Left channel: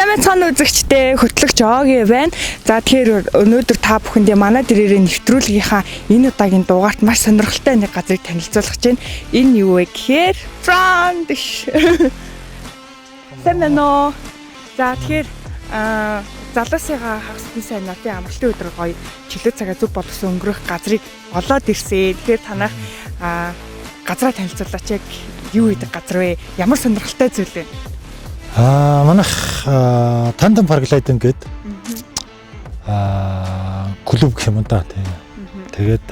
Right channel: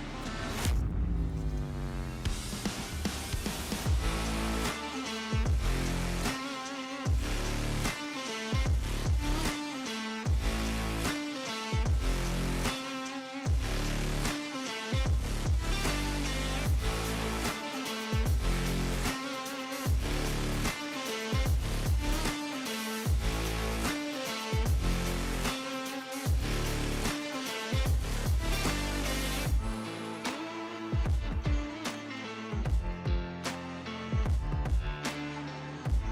Сайн цаана үзэгчтэй хөтлөгч Оги байна. За тэгэхээр өнөөдөр та бүхэндээ манай дээрээ нэвтрүүлгийнхаа энэ удаагийн дугаарт маш сонирхолтой нэг газрыг танилцуулах гэж байна. Энэ юу вэ гэхээр Front. Сэмэнэ. За тэгэхээр залуусыгаа хагасны сайн нотын амралтын өдөр гоё чөлөө цагаа зүг боловсон өнгөрөх газрыг олоод ирсэн. Тэгэхээр танах газраа танилцуулаач яг юу гэдэг газар вэ? Ямар сонирхолтой зүйл вэ? Манайх тандем параглайдинг гэдэг клуб гэх юм да. Тэгээд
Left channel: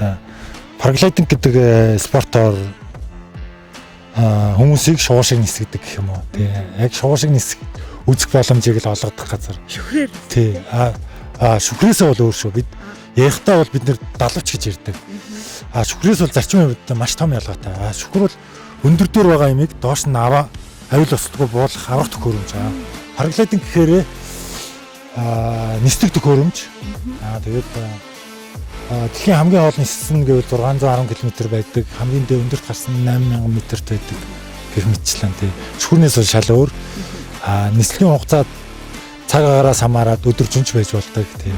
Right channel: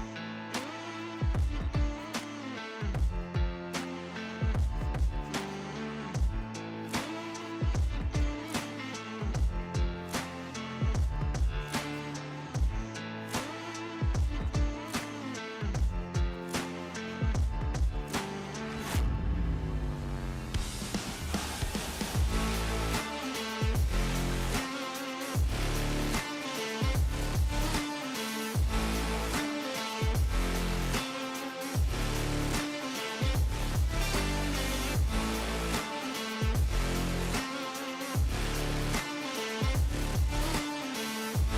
параглайдинг гэдэг спортоор хүмүүсийг шуушиг нисгдэг гэх юм уу. Яг шуушиг нисэх үзэх боломжийг л олгодох газар. Шүхрээр. Тий. Шүхрээсээ бол өөр шүү. Бид ярихтаа бол бид нэр далавч гэж ярьдаг. Шүхрээс бол зарчмын хувьд маш том ялгаатай. Шүхэр бол өндөр дээр байгаа юмыг доош нь авил ослого буулгах аврах төхөөрөмж. Параглайдинг гэхээр нислэг төхөөрөмж. Тэгээд дэлхийн хамгийн хоол ниссэн гэвэл 610 км байдаг. Хамгийн дээд өндөрт гарсан 8000 м-т байдаг. Гэх мэтчлэн тий. Шүхрнээс бол шал өөр. Нислэгийн хугацаа цаг агаараас хамаарат өдөржинч байж болдог тий.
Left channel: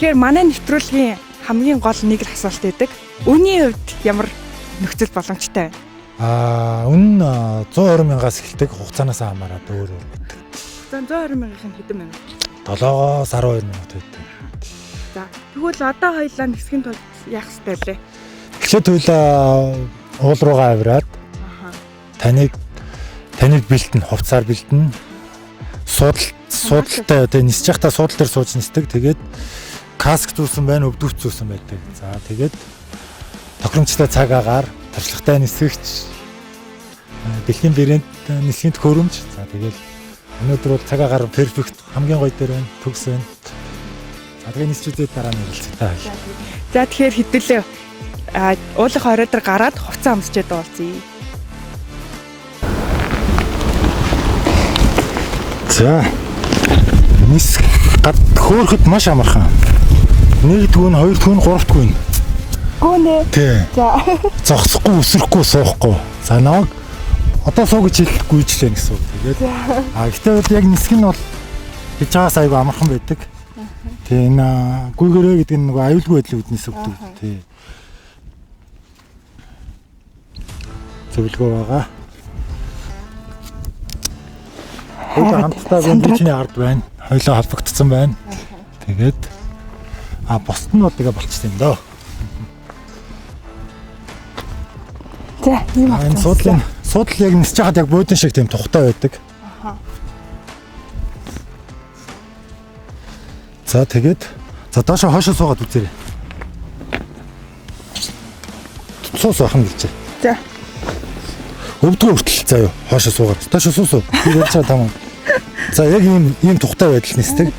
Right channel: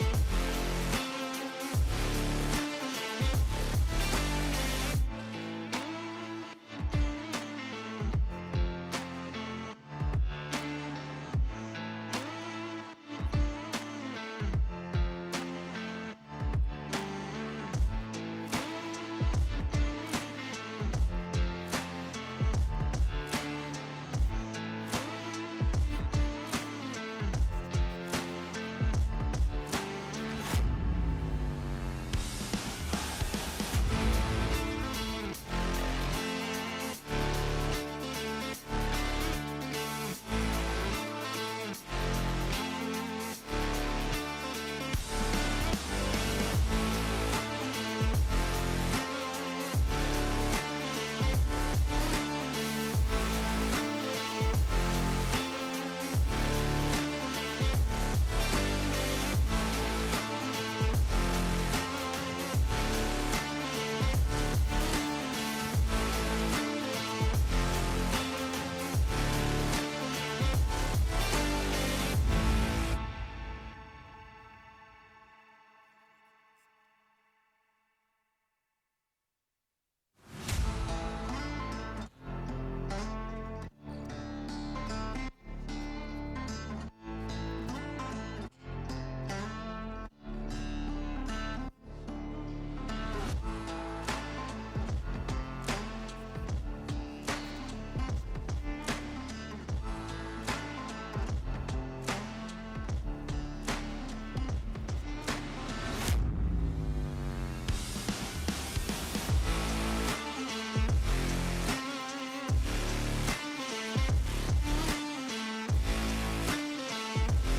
Тэгэхээр манай нэвтрүүлгийн хамгийн гол нэг л асуулт байдаг. Үүний хувьд ямар нөхцөл боломжтой вэ? Үнэн 120 мянгаас эхэлдэг, хугацаанаас хамаарат өөр өөр. За 120 мянган хэдэн мянга? 7-аас 12 мянга байдаг. За тэгвэл одоо хоёлаа нисхийн тулд яах ёстой вэ? Эхлээд хоёлаа уул руугаа авираад таныг бэлтэн, хувцаар бэлтэн. Суудалтай тэгээ нисэж явахдаа суудал дээр сууж нисдэг. Тэгээд каск зүүсэн байна, өвдөвч зүүсэн байдаг. За тэгээд тохиромжтой цаг агаар туршлагатай нисгэгч дэлхийн брэнд нисхийн төхөөрөмж. За тэгээд өнөөдөр бол цаг агаар перфект хамгийн гоё дээр төгс байна. Тэгээд нисчихэд дараа нь болцгоо. За тэгэхээр хэдүүлээ уулах орой дээр гараад хувцас амсчээд уулзъя. За нисэх хөөрөхөд маш амархан. 1 түүн, 2 түүн, 3 түүн. Гүнэ. Тий. За. Зогсохгүй, өсрөхгүй, суухгүй. За намайг одоо суу гэж хэлэхгүй ч лээ гэсэн үг. Тэгээд гэхдээ яг нисэх нь бол гэж байгаас айгүй амархан байдаг. Тий энэ гүйгэрээ гэдэг нь нөгөө аюулгүй байдлыг үднэс өгдөг. Тий. Зөвлөгөө байгаа. Хоёулаа хамтдаа бэлчний ард байна. Хоёулаа холбогдсон байна. Тэгээд босд нь бол тэгээ болчихсон юм даа. За ийм байна. Суудлын яг нисэж хаад яг буудан шиг тийм тухтай байдаг. За тэгээд доошоо хойшоо суугаад үзээрэй. Суус ахна гэлжээ. За. Өвдгөө хүртэл заяа хойшоо суугаад. Доошоо суусуу. Би ярьж байгаа тамаа. За яг ийм тухтай байдал нисдэг.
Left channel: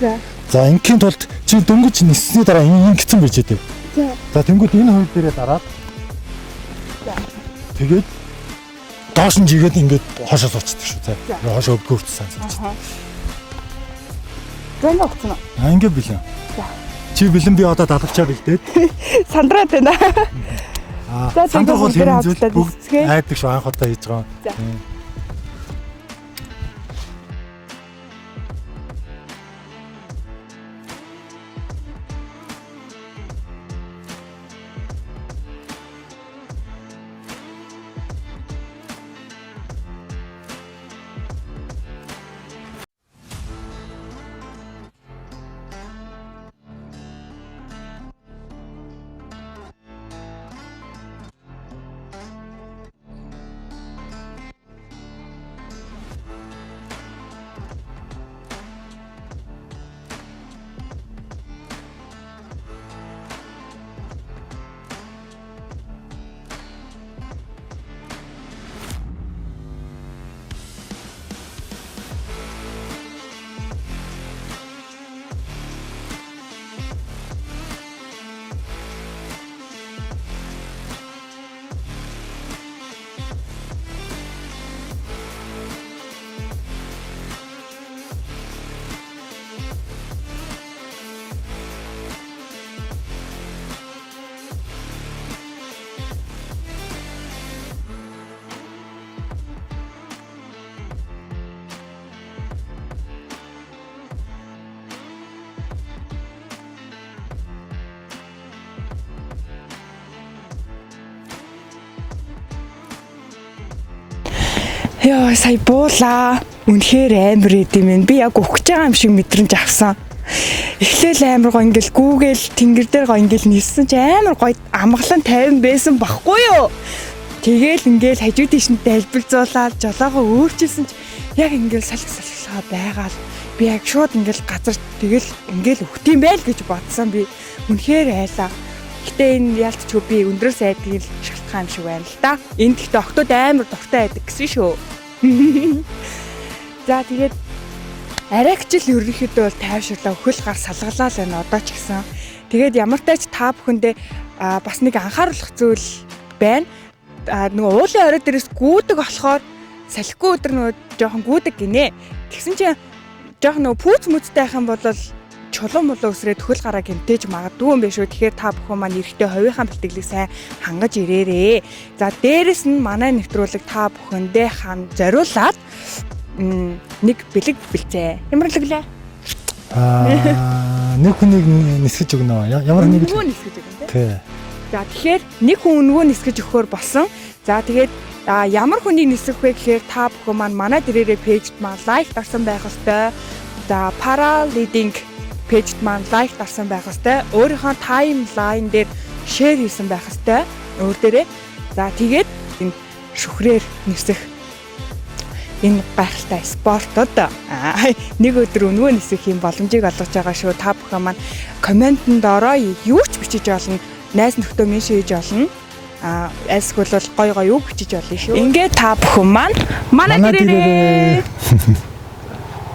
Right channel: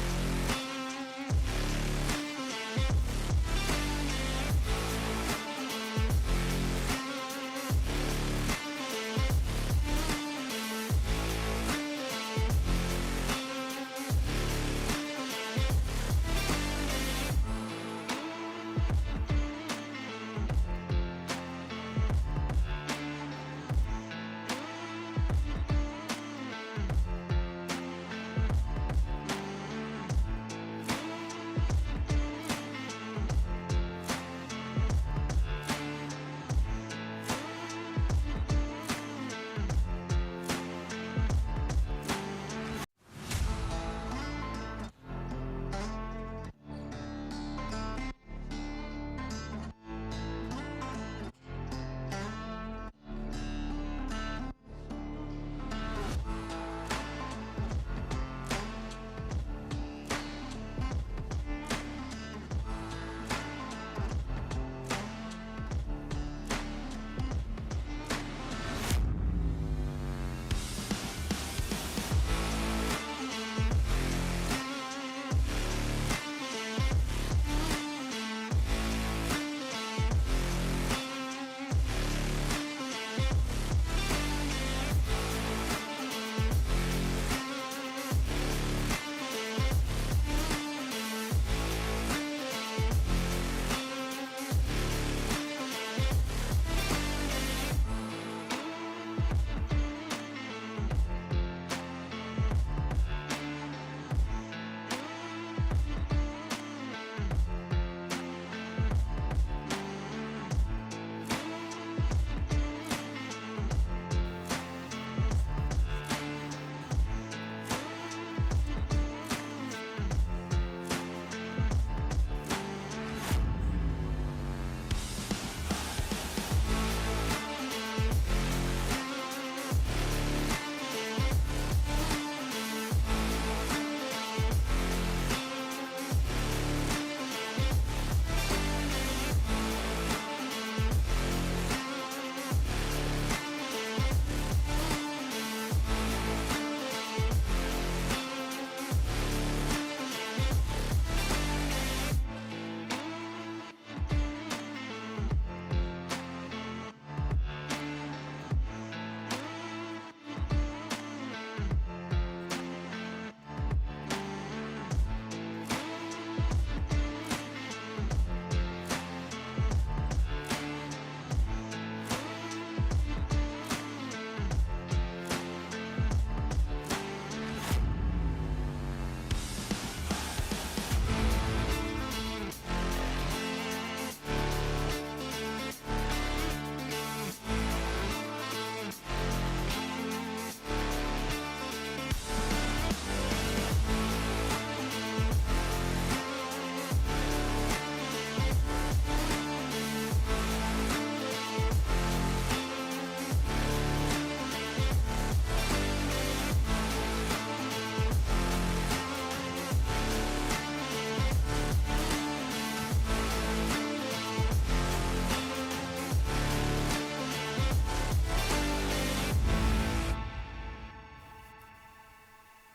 За ингийн тулд чи дөнгөж ниссний дараа ингэсэн байж дээ. За тэнгууд энэ хоёр дээрээ дараад. Тэгээд доош нь жигээд ингээд хошоо сууцдаг шүү. За хошоо өвдгөө хүртэл сууцдаг. Гэнэ өгцөн үү? Ингээд билээ. Чи бэлэн би одоо далавчаа бэлдээд. Сандраад байна. За сандаа бол хэрэг зүйл бүгд айдаг шүү анх удаа хийж байгаа. Яа сая буулаа. Үнэхээр амар идэм юм. Би яг өгч байгаа юм шиг мэдрэмж авсан. Эхлээл амар гоё ингээл гүүгээл тэнгэр дээр гоё ингээл нисэн чи амар гоё амгалан 50 байсан баггүй юу? Тэгээл ингээл хажуу тийш нь дэлбэлзуулаад жолоогоо өөрчилсөн чи яг ингээл салхаа байгаал. Би яг шууд ингээл газар тэгэл ингээл өгт юм байл гэж бодсон би. Үнэхээр айлаа. Гэтэ энэ ялцчгүй би өндрөөс айдаг л шалтгаан шиг байна л да. Энд гэхдээ октод амар дуртай байдаг гэсэн шүү. За тэгээд арайгчл ерөнхийдөө бол тайвширлаа өхөл гар салгалаа л байна одоо ч гэсэн. Тэгээд ямар тач та бүхэндээ бас нэг анхааруулах зүйл байна. Нөгөө уулын орой дээрээс гүйдэг болохоор салхигүй өдр нөгөө жоохон гүйдэг гинэ. Тэгсэн чинь жоохон нөгөө пүүц мүцтэй байх юм бол чулуун мулуу өсрээд хөл гараа гэмтээж магадгүй юм биш үү. Тэгэхээр та бүхэн маань эрэхтэй хувийнхаа бэлтгэлийг сайн хангаж ирээрээ. За дээрэс нь манай нэвтрүүлэг та бүхэндээ зориулаад нэг бэлэг бэлцээ. Ямар бэлгэлээ? Нэг хүнийг нисгэж өгнө. Ямар нэг хүн нисгэж өгнө тий. За тэгэхээр нэг хүн өнгөө нисгэж өгөхөр болсон. За тэгээд ямар хүнийг нисгэх вэ гэхээр та бүхэн маань манай дээрээ пэйжд маань лайк дарсан байх ёстой. За para leading пэйжд маань лайк дарсан байх ёстой. Өөрийнхөө таймлайн дээр шеэр хийсэн байх ёстой. Өөр дээрээ. За тэгээд энэ шүхрээр нисэх энэ гайхалтай спортод нэг өдөр өнгөө нисэх юм боломжийг олгож байгаа шүү. Та бүхэн маань комментэнд ороо юу ч бичиж олно. Найз нөхдөө меншн хийж олно. Эсвэл гой гой үг бичиж олно шүү. Ингээд та бүхэн маань манай дээрээ